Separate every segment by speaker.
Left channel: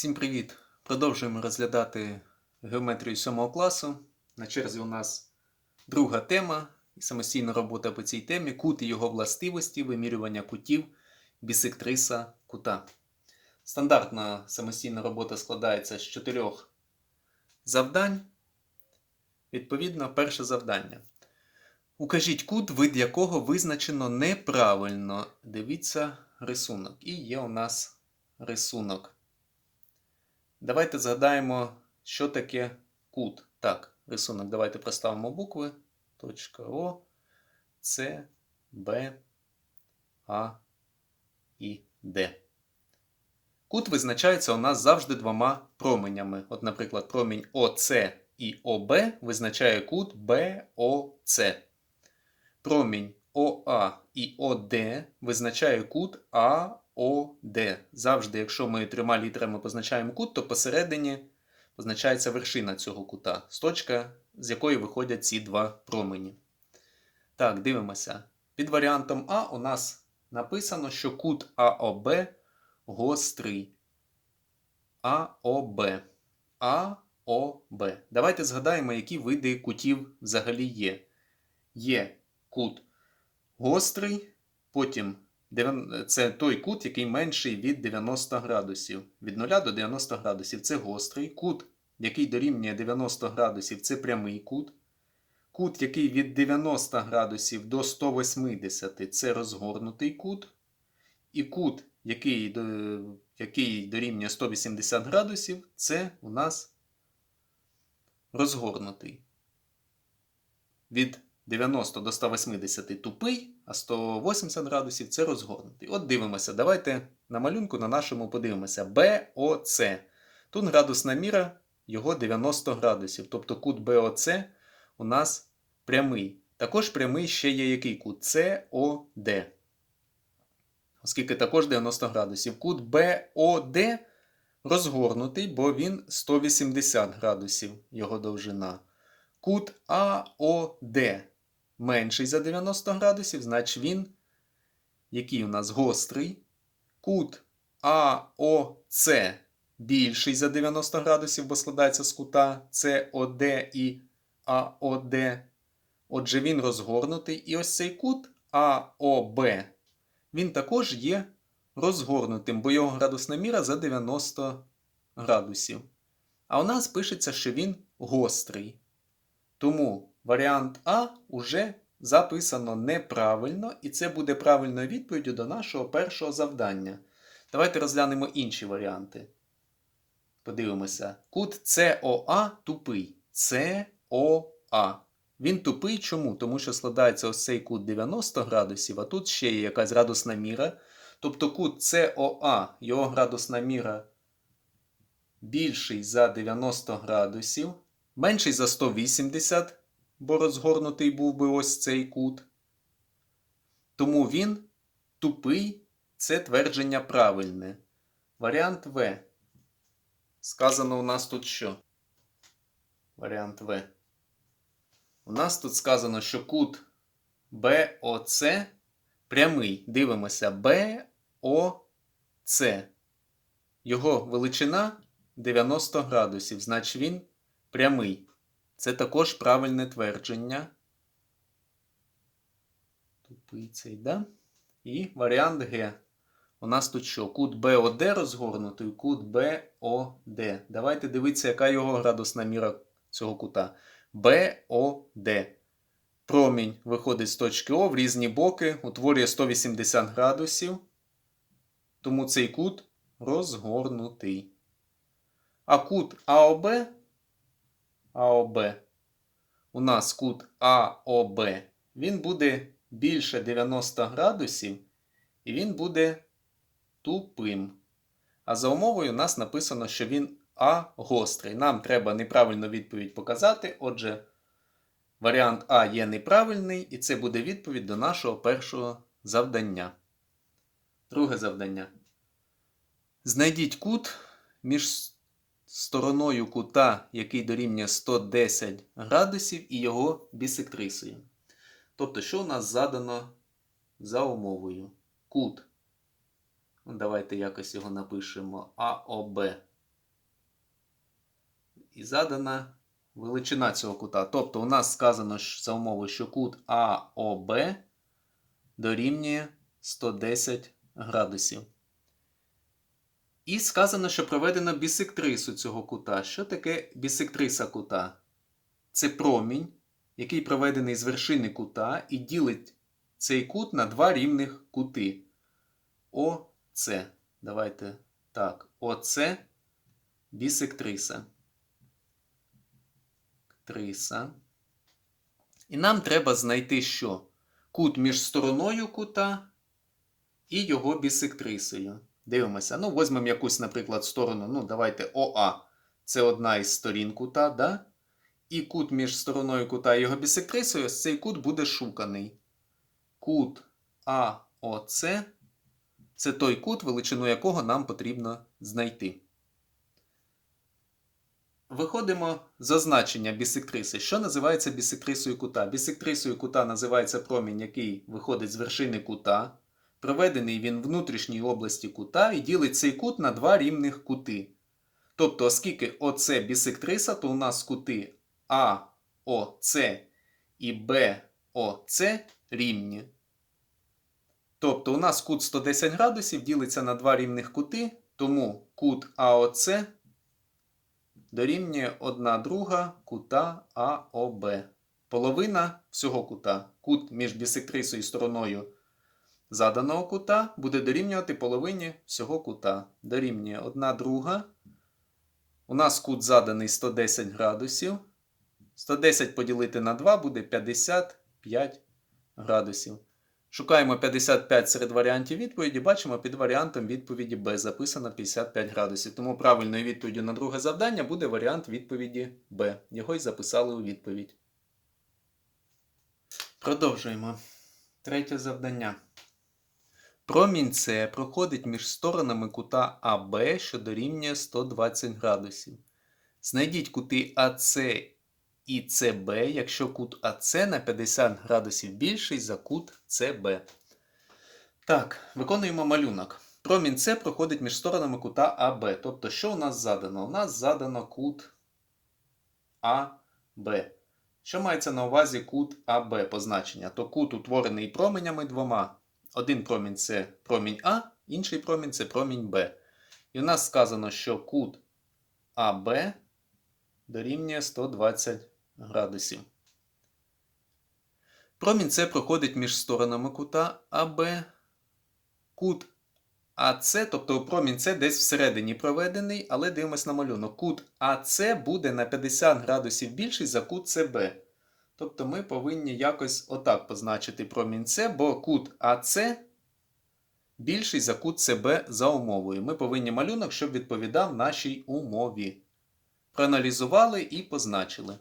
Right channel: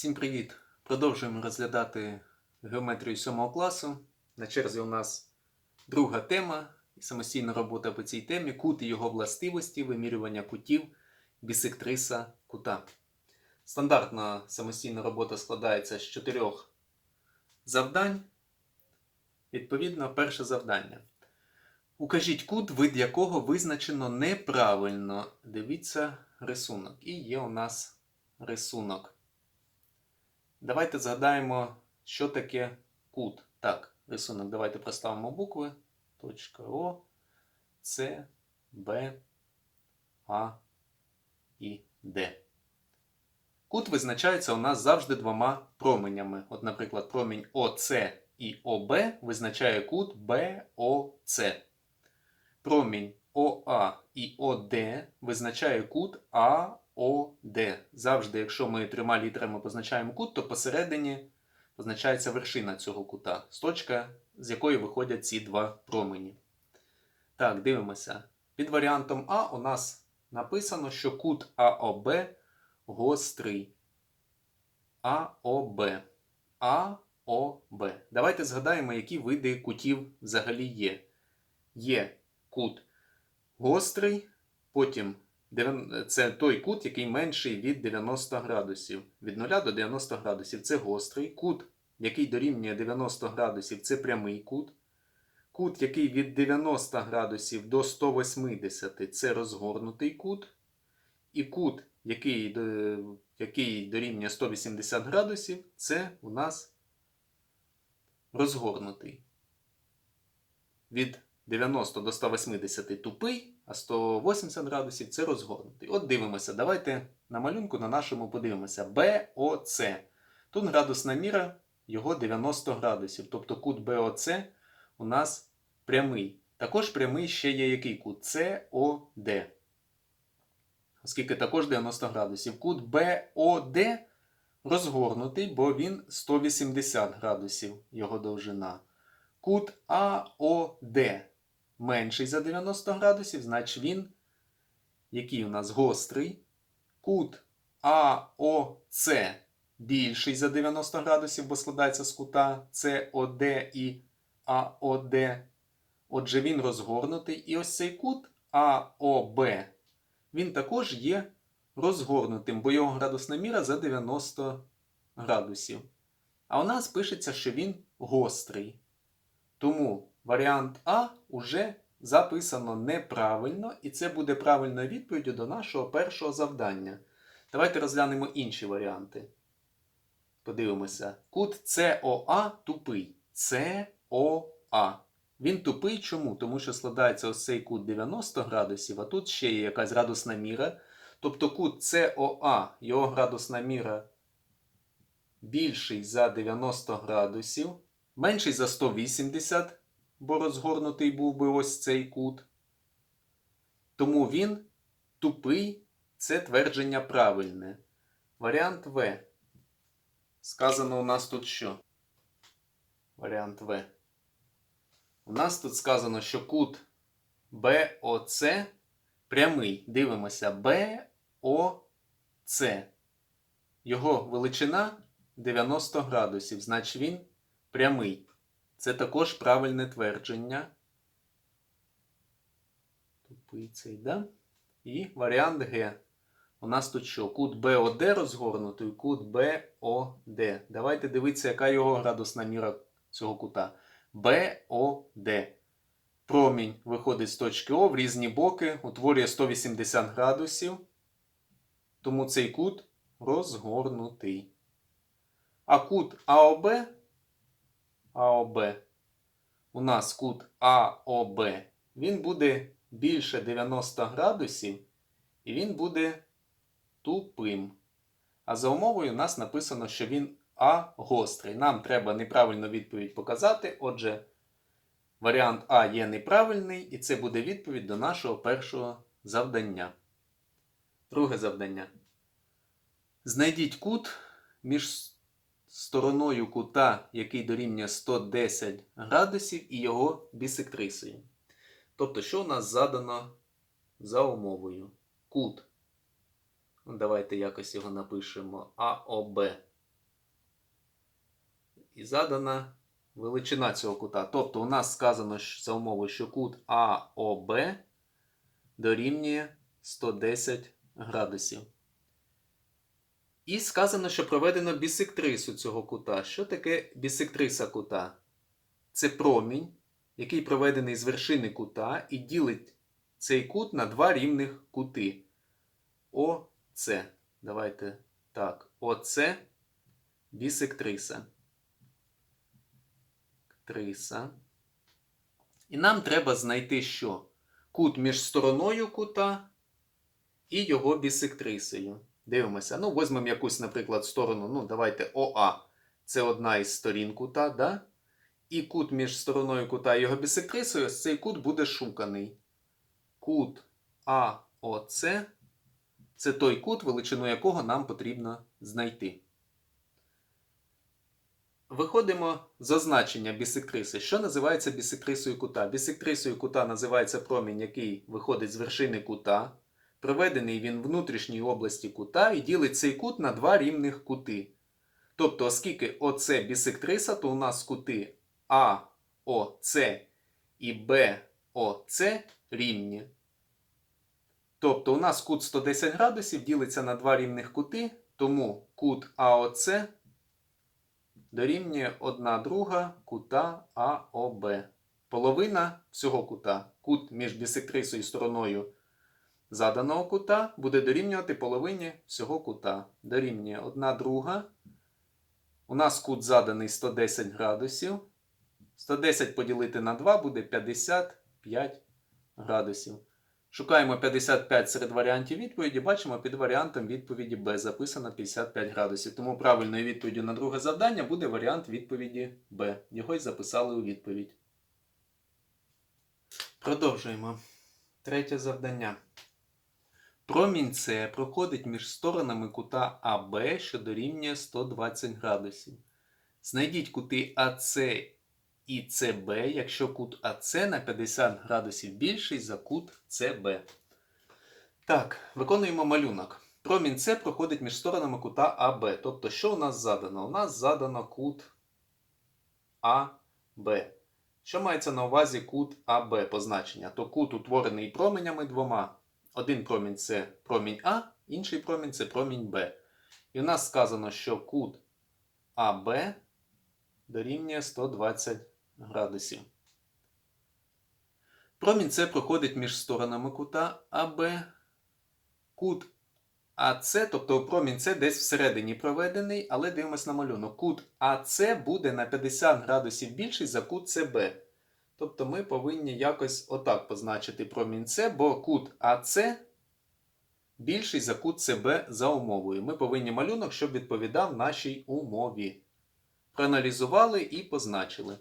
Speaker 1: Всім привіт! Продовжуємо розглядати геометрію 7 класу. На черзі у нас друга тема і самостійна робота по цій темі кут і його властивості, вимірювання кутів бісектриса кута. Стандартна самостійна робота складається з чотирьох завдань. Відповідно, перше завдання. Укажіть кут, вид якого визначено неправильно. Дивіться рисунок. І є у нас рисунок. Давайте згадаємо, що таке кут. Так, рисунок. Давайте проставимо букви. Точка О, С, Б, А і Д. Кут визначається у нас завжди двома променями. От, наприклад, промінь ОС і ОБ визначає кут БОЦ. Промінь ОА і ОД визначає кут АОД. Завжди, якщо ми трьома літерами позначаємо кут, то посередині позначається вершина цього кута, з точка, з якої виходять ці два промені. Так, дивимося. Під варіантом А у нас написано, що кут АОБ гострий. АОБ. АОБ. Давайте згадаємо, які види кутів взагалі є. Є кут гострий, потім це той кут, який менший від 90 градусів. Від 0 до 90 градусів це гострий. Кут, який дорівнює 90 градусів, це прямий кут. Кут, який від 90 градусів до 180 це розгорнутий кут. І кут, який, який дорівнює 180 градусів, це у нас розгорнутий. Від 90 до 180 тупий, а 180 градусів це розгорнутий. От дивимося. Давайте на малюнку на нашому подивимося. БОЦ. Тут градусна міра його 90 градусів. Тобто кут БОЦ у нас прямий. Також прямий ще є який кут СОД. Оскільки також 90 градусів. Кут БОД розгорнутий, бо він 180 градусів його довжина. Кут АОД менший за 90 градусів, значить він, який у нас гострий. Кут АОЦ більший за 90 градусів, бо складається з кута СОД і АОД. Отже, він розгорнутий. І ось цей кут АОБ, він також є розгорнутим, бо його градусна міра за 90 градусів. А у нас пишеться, що він гострий. Тому варіант А уже записано неправильно, і це буде правильною відповіддю до нашого першого завдання. Давайте розглянемо інші варіанти. Подивимося. Кут СОА тупий. СОА. Він тупий чому? Тому що складається ось цей кут 90 градусів, а тут ще є якась градусна міра. Тобто кут СОА, його градусна міра більший за 90 градусів менший за 180, бо розгорнутий був би ось цей кут. Тому він тупий це твердження правильне. Варіант В. Сказано у нас тут що? Варіант В. У нас тут сказано, що кут БОЦ прямий. Дивимося БОЦ. Його величина 90 градусів. Значить він прямий. Це також правильне твердження. Тупий цей, да? І варіант Г. У нас тут що? Кут БОД розгорнутий, кут БОД. Давайте дивитися, яка його градусна міра цього кута. БОД. Промінь виходить з точки О в різні боки, утворює 180 градусів. Тому цей кут розгорнутий. А кут АОБ АОБ. У нас кут АОБ, він буде більше 90 градусів, і він буде тупим. А за умовою у нас написано, що він А гострий. Нам треба неправильну відповідь показати. Отже, варіант А є неправильний, і це буде відповідь до нашого першого завдання. Друге завдання. Знайдіть кут між стороною кута, який дорівнює 110 градусів, і його бісектрисою. Тобто, що у нас задано за умовою? Кут. Ну, Давайте якось його напишемо АОБ. і задана величина цього кута. Тобто у нас сказано за умови, що кут АОБ дорівнює 110 градусів. І сказано, що проведено бісектрису цього кута. Що таке бісектриса кута? Це промінь, який проведений з вершини кута і ділить цей кут на два рівних кути. ОЦ. Давайте так. ОЦ бісектриса. Триса. І нам треба знайти що? Кут між стороною кута і його бісектрисою. Дивимося. Ну, візьмемо якусь, наприклад, сторону. Ну, давайте ОА. Це одна із сторін кута, да? І кут між стороною кута і його бісектрисою, ось цей кут буде шуканий. Кут АОЦ це той кут, величину якого нам потрібно знайти. Виходимо з означення бісектриси. Що називається бісектрисою кута? Бісектрисою кута називається промінь, який виходить з вершини кута. Проведений він внутрішній області кута і ділить цей кут на два рівних кути. Тобто, оскільки ОЦ бісектриса, то у нас кути АОЦ і БОЦ рівні. Тобто у нас кут 110 градусів ділиться на два рівних кути, тому кут АОЦ дорівнює 1 друга кута АОБ. Половина всього кута. Кут між бісектрисою і стороною заданого кута буде дорівнювати половині всього кута. Дорівнює 1 друга. У нас кут заданий 110 градусів. 110 поділити на 2 буде 55 градусів. Шукаємо 55 серед варіантів відповіді. Бачимо, під варіантом відповіді Б записано 55 градусів. Тому правильною відповіддю на друге завдання буде варіант відповіді Б. Його й записали у відповідь. Продовжуємо. Третє завдання. Промінь С проходить між сторонами кута АБ, що дорівнює 120 градусів. Знайдіть кути АС і СБ, якщо кут АС на 50 градусів більший за кут СБ. Так, виконуємо малюнок. Промінь С проходить між сторонами кута АБ. Тобто, що у нас задано? У нас задано кут АБ. Що мається на увазі кут АБ позначення? То кут утворений променями двома. Один промінь це промінь А, інший промінь це промінь Б. І у нас сказано, що кут АБ дорівнює 120 градусів. Промінь С проходить між сторонами кута АБ. Кут АС, тобто промінь С десь всередині проведений, але дивимось на малюнок. Кут АС буде на 50 градусів більший за кут СБ. Тобто ми повинні якось отак позначити промінь С, бо кут АС більший за кут СБ за умовою. Ми повинні малюнок, щоб відповідав нашій умові. Проаналізували і позначили.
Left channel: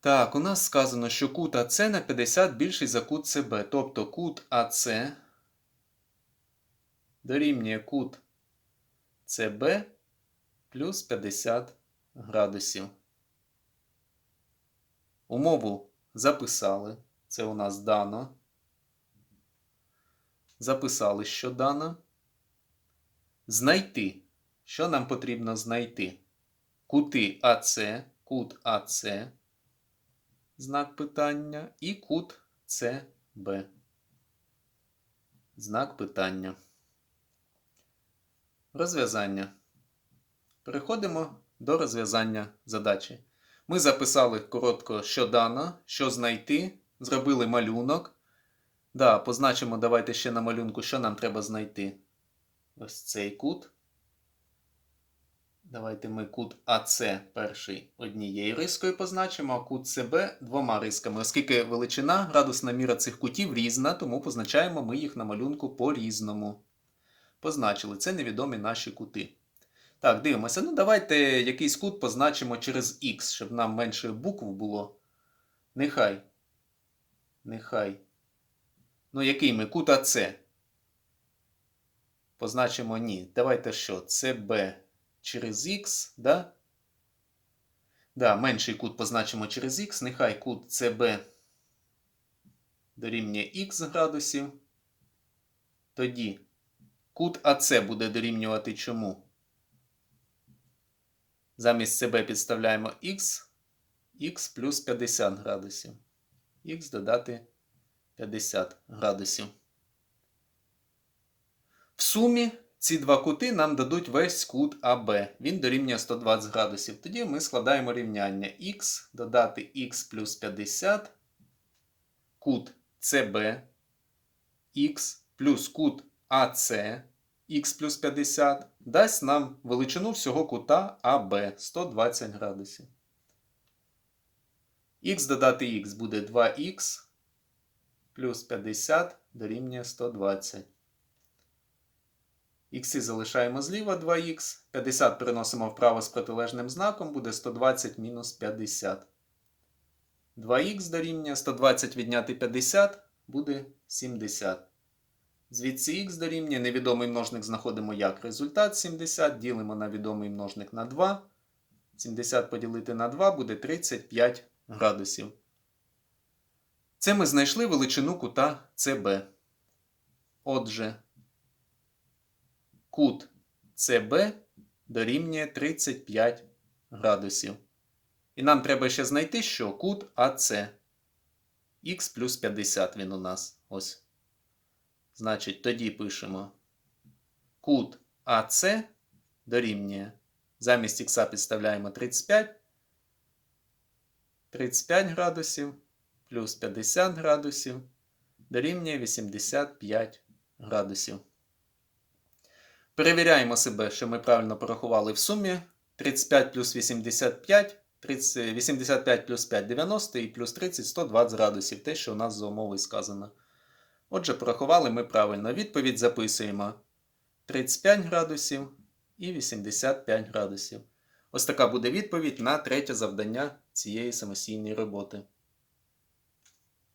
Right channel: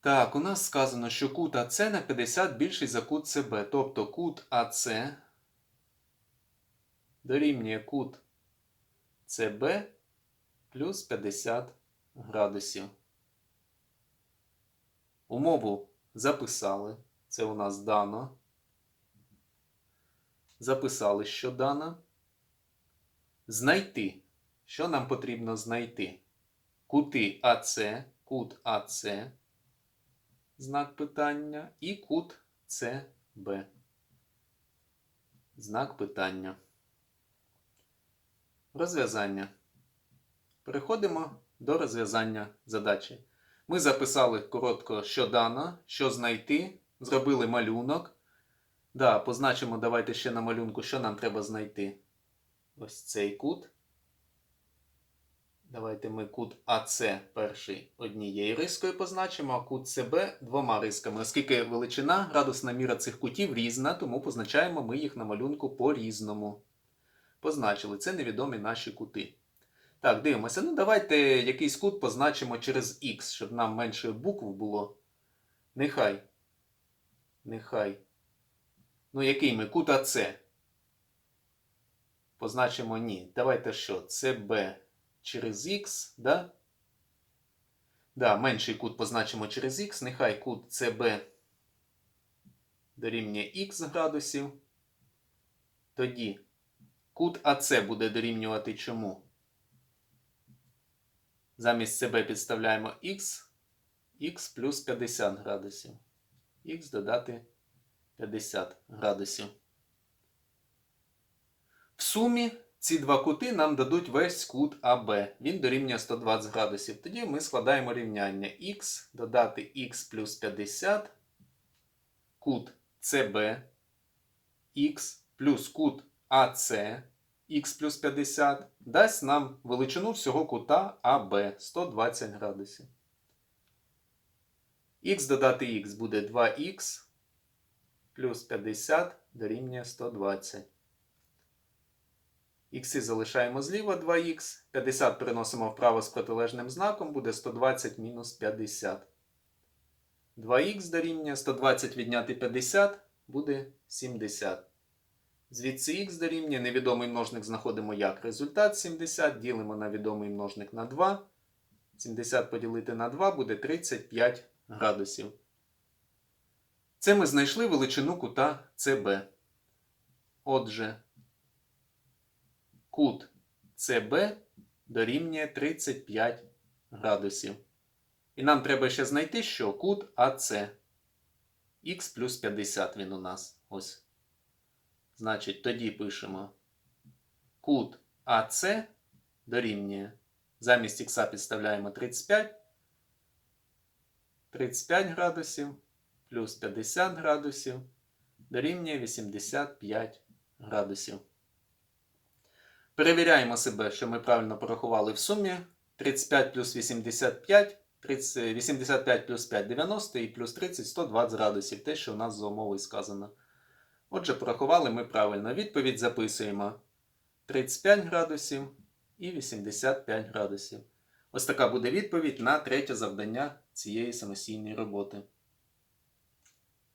Speaker 1: Так, у нас сказано, що кут АС на 50 більший за кут СБ. Тобто кут АС дорівнює кут СБ плюс 50 градусів. Умову записали. Це у нас дано. Записали, що дано. Знайти. Що нам потрібно знайти? Кути АС, кут АС, знак питання, і кут СБ. Знак питання. Розв'язання. Переходимо до розв'язання задачі. Ми записали коротко, що дано, що знайти, зробили малюнок. Да, позначимо, давайте ще на малюнку, що нам треба знайти. Ось цей кут. Давайте ми кут АС перший однією рискою позначимо, а кут СБ двома рисками. Оскільки величина, градусна міра цих кутів різна, тому позначаємо ми їх на малюнку по-різному. Позначили, це невідомі наші кути. Так, дивимося. Ну, давайте якийсь кут позначимо через X, щоб нам менше букв було. Нехай. Нехай. Ну, який ми? Кут АС. Позначимо ні. Давайте що? CB через X, да? Да, менший кут позначимо через X. Нехай кут CB дорівнює Х градусів. Тоді кут АС буде дорівнювати чому? Замість себе підставляємо х, х плюс 50 градусів. Х додати 50 градусів. В сумі ці два кути нам дадуть весь кут АБ. Він дорівнює 120 градусів. Тоді ми складаємо рівняння х додати х плюс 50, кут СБ, х плюс кут АС, х плюс 50, дасть нам величину всього кута АБ 120 градусів. Х додати х буде 2х плюс 50 дорівнює 120. Х залишаємо зліва 2х. 50 переносимо вправо з протилежним знаком, буде 120 мінус 50. 2х дорівнює 120 відняти 50 буде 70. Звідси х дорівнює невідомий множник знаходимо як результат 70. Ділимо на відомий множник на 2. 70 поділити на 2 буде 35 градусів. Це ми знайшли величину кута ЦБ. Отже, кут ЦБ дорівнює 35 градусів. І нам треба ще знайти, що кут АЦ. Х плюс 50 він у нас. Ось. Значить, тоді пишемо кут АЦ дорівнює. Замість х підставляємо 35. 35 градусів плюс 50 градусів дорівнює 85 градусів. Перевіряємо себе, що ми правильно порахували в сумі. 35 плюс 85, 30, 85 плюс 5 90 і плюс 30 120 градусів. Те, що у нас за умовою сказано. Отже, порахували ми правильно. Відповідь записуємо 35 градусів і 85 градусів. Ось така буде відповідь на третє завдання цієї самостійної роботи.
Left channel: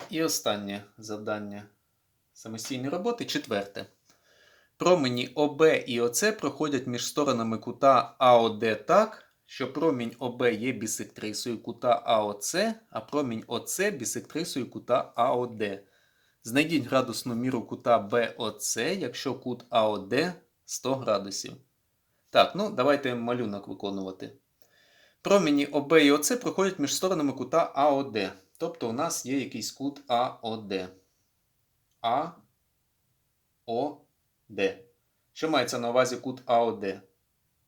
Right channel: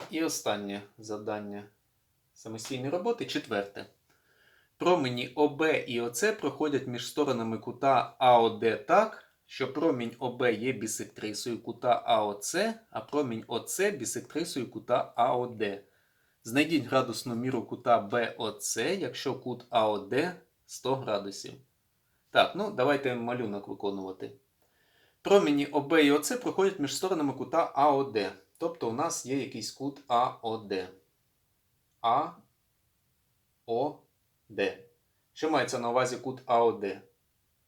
Speaker 1: І останнє завдання самостійної роботи четверте. Промені ОБ і ОЦ проходять між сторонами кута АОД так, що промінь ОБ є бісектрисою кута АОЦ, а промінь ОЦ бісектрисою кута АОД. Знайдіть градусну міру кута БОЦ, якщо кут АОД 100 градусів. Так, ну давайте малюнок виконувати. Промені ОБ і ОЦ проходять між сторонами кута АОД. Тобто у нас є якийсь кут АОД. АОД. Що мається на увазі кут АОД?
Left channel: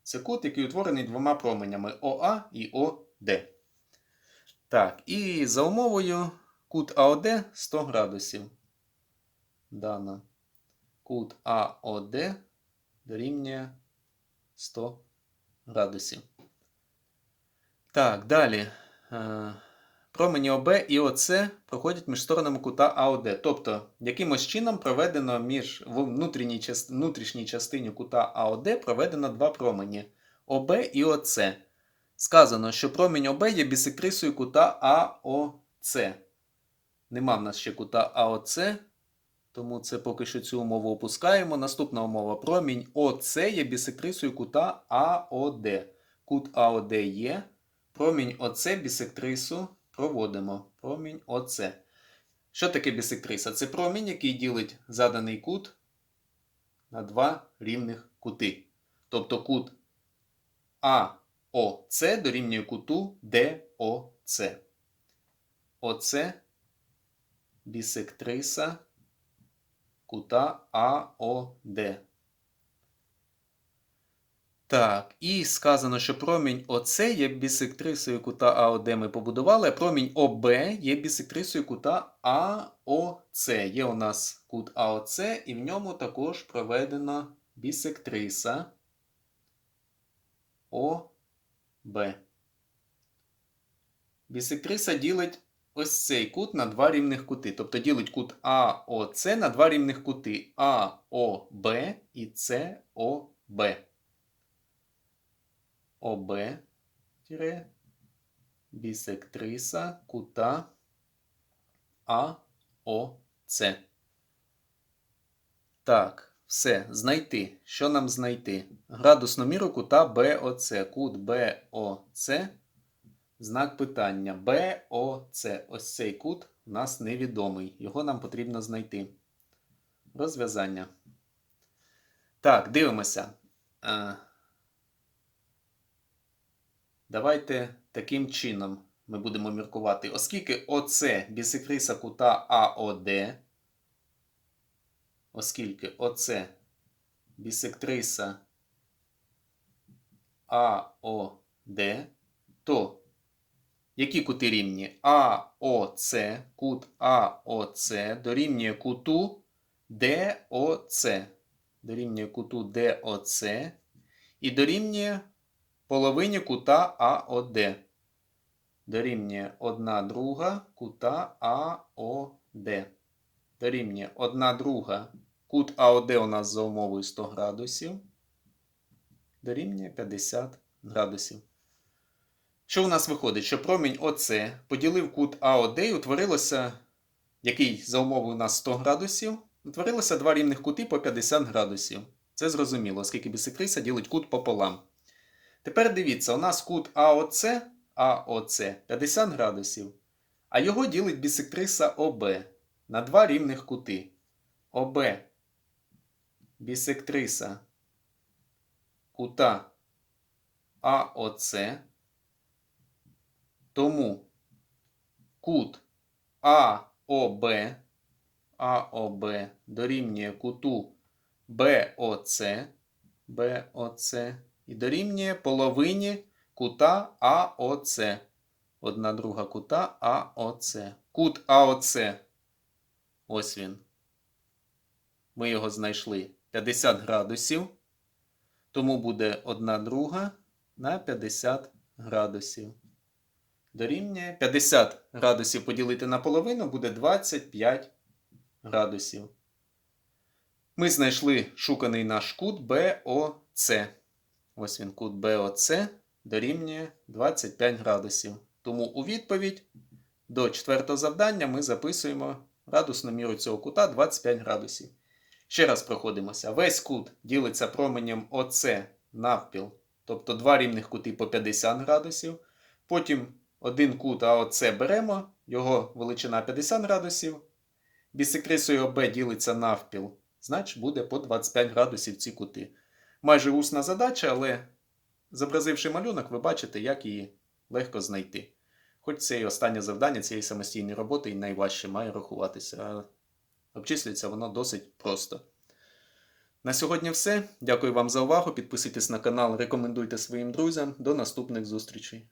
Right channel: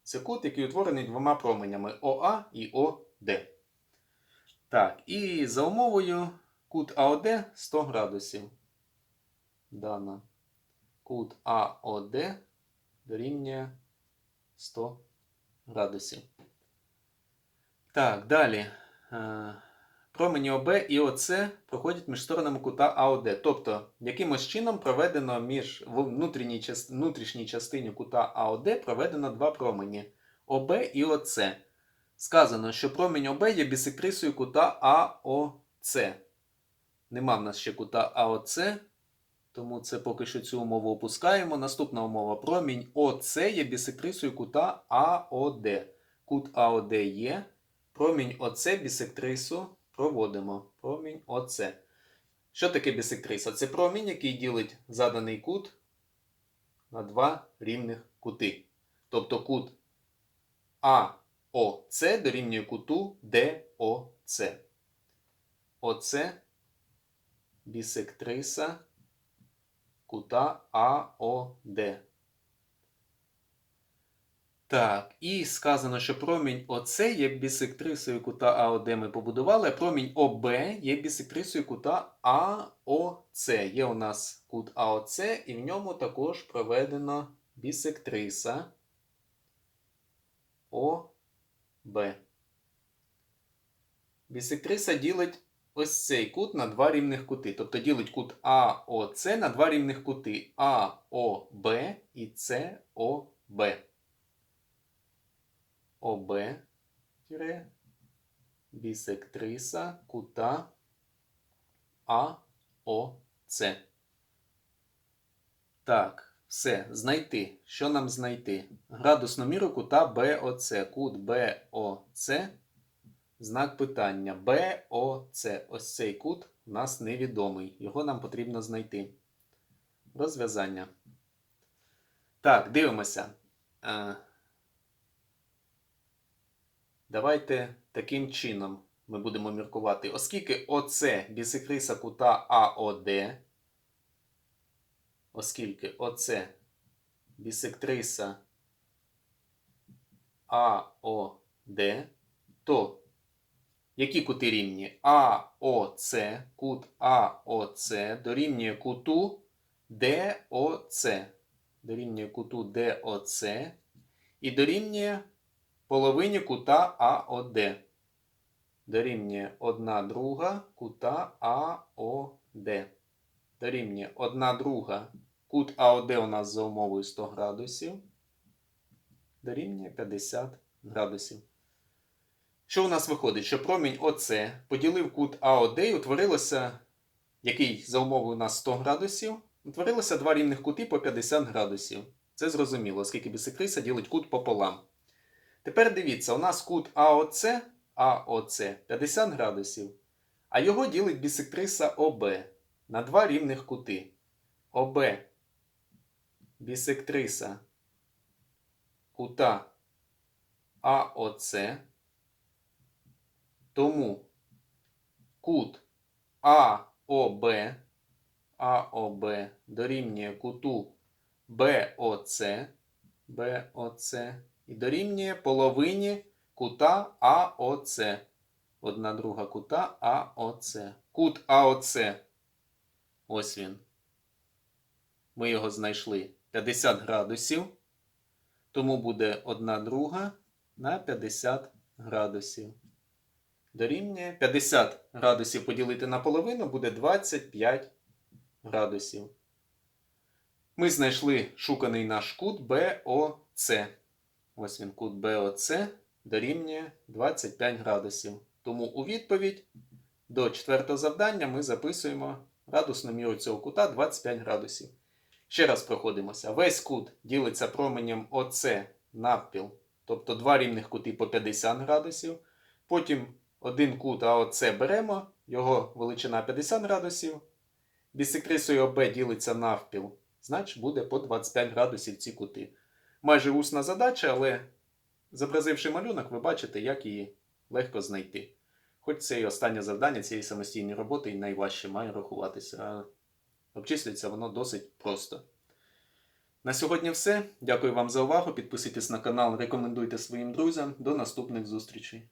Speaker 1: Це кут, який утворений двома променями ОА і ОД. Так, і за умовою кут АОД 100 градусів. Дано. Кут АОД дорівнює 100 градусів. Так, далі. Е, Промені ОБ і ОЦ проходять між сторонами кута АОД. Тобто, якимось чином проведено між внутрішній, частині кута АОД проведено два промені ОБ і ОЦ. Сказано, що промінь ОБ є бісектрисою кута АОЦ. Нема в нас ще кута АОЦ, тому це поки що цю умову опускаємо. Наступна умова промінь ОЦ є бісектрисою кута АОД. Кут АОД є. Промінь ОЦ бісектрису проводимо. Промінь ОЦ. Що таке бісектриса? Це промінь, який ділить заданий кут на два рівних кути. Тобто кут АОЦ дорівнює куту ДОЦ. ОЦ бісектриса кута АОД. Так, і сказано, що промінь ОЦ є бісектрисою кута АОД ми побудували, а промінь ОБ є бісектрисою кута АОЦ. Є у нас кут АОЦ, і в ньому також проведена бісектриса ОБ. Бісектриса ділить ось цей кут на два рівних кути. Тобто ділить кут АОЦ на два рівних кути АОБ і СОБ. ОБ бісектриса кута АОЦ. Так, все, знайти. Що нам знайти? Градусну міру кута БОЦ. Кут БОЦ. Знак питання. БОЦ. Ось цей кут у нас невідомий. Його нам потрібно знайти. Розв'язання. Так, дивимося. Е, Давайте таким чином ми будемо міркувати. Оскільки ОЦ бісекриса кута АОД, оскільки ОЦ бісектриса АОД, то які кути рівні? АОЦ, кут АОЦ дорівнює куту ДОЦ. Дорівнює куту ДОЦ і дорівнює половині кута АОД. Дорівнює 1 друга кута АОД. Дорівнює 1 друга. Кут АОД у нас за умовою 100 градусів. Дорівнює 50 градусів. Що у нас виходить? Що промінь ОЦ поділив кут АОД і утворилося, який за умовою у нас 100 градусів, утворилося два рівних кути по 50 градусів. Це зрозуміло, оскільки бісекриса ділить кут пополам. Тепер дивіться, у нас кут АОЦ, АОЦ 50 градусів, а його ділить бісектриса ОБ на два рівних кути. ОБ бісектриса кута АОЦ. Тому кут АОБ, АОБ дорівнює куту БОЦ, БОЦ і дорівнює половині кута АОЦ. Одна друга кута АОЦ. Кут АОЦ. Ось він. Ми його знайшли 50 градусів. Тому буде одна друга на 50 градусів. Дорівнює 50 градусів поділити на половину буде 25 градусів. Ми знайшли шуканий наш кут БОЦ. Ось він кут БОЦ дорівнює 25 градусів. Тому у відповідь до четвертого завдання ми записуємо градусну міру цього кута 25 градусів. Ще раз проходимося. Весь кут ділиться променем ОЦ навпіл, тобто два рівних кути по 50 градусів. Потім один кут АОЦ беремо, його величина 50 градусів. Бісекрисою ОБ ділиться навпіл, значить буде по 25 градусів ці кути. Майже усна задача, але зобразивши малюнок, ви бачите, як її легко знайти. Хоч це і останнє завдання цієї самостійної роботи і найважче має рахуватися. але Обчислюється воно досить просто. На сьогодні все. Дякую вам за увагу. Підписуйтесь на канал, рекомендуйте своїм друзям. До наступних зустрічей.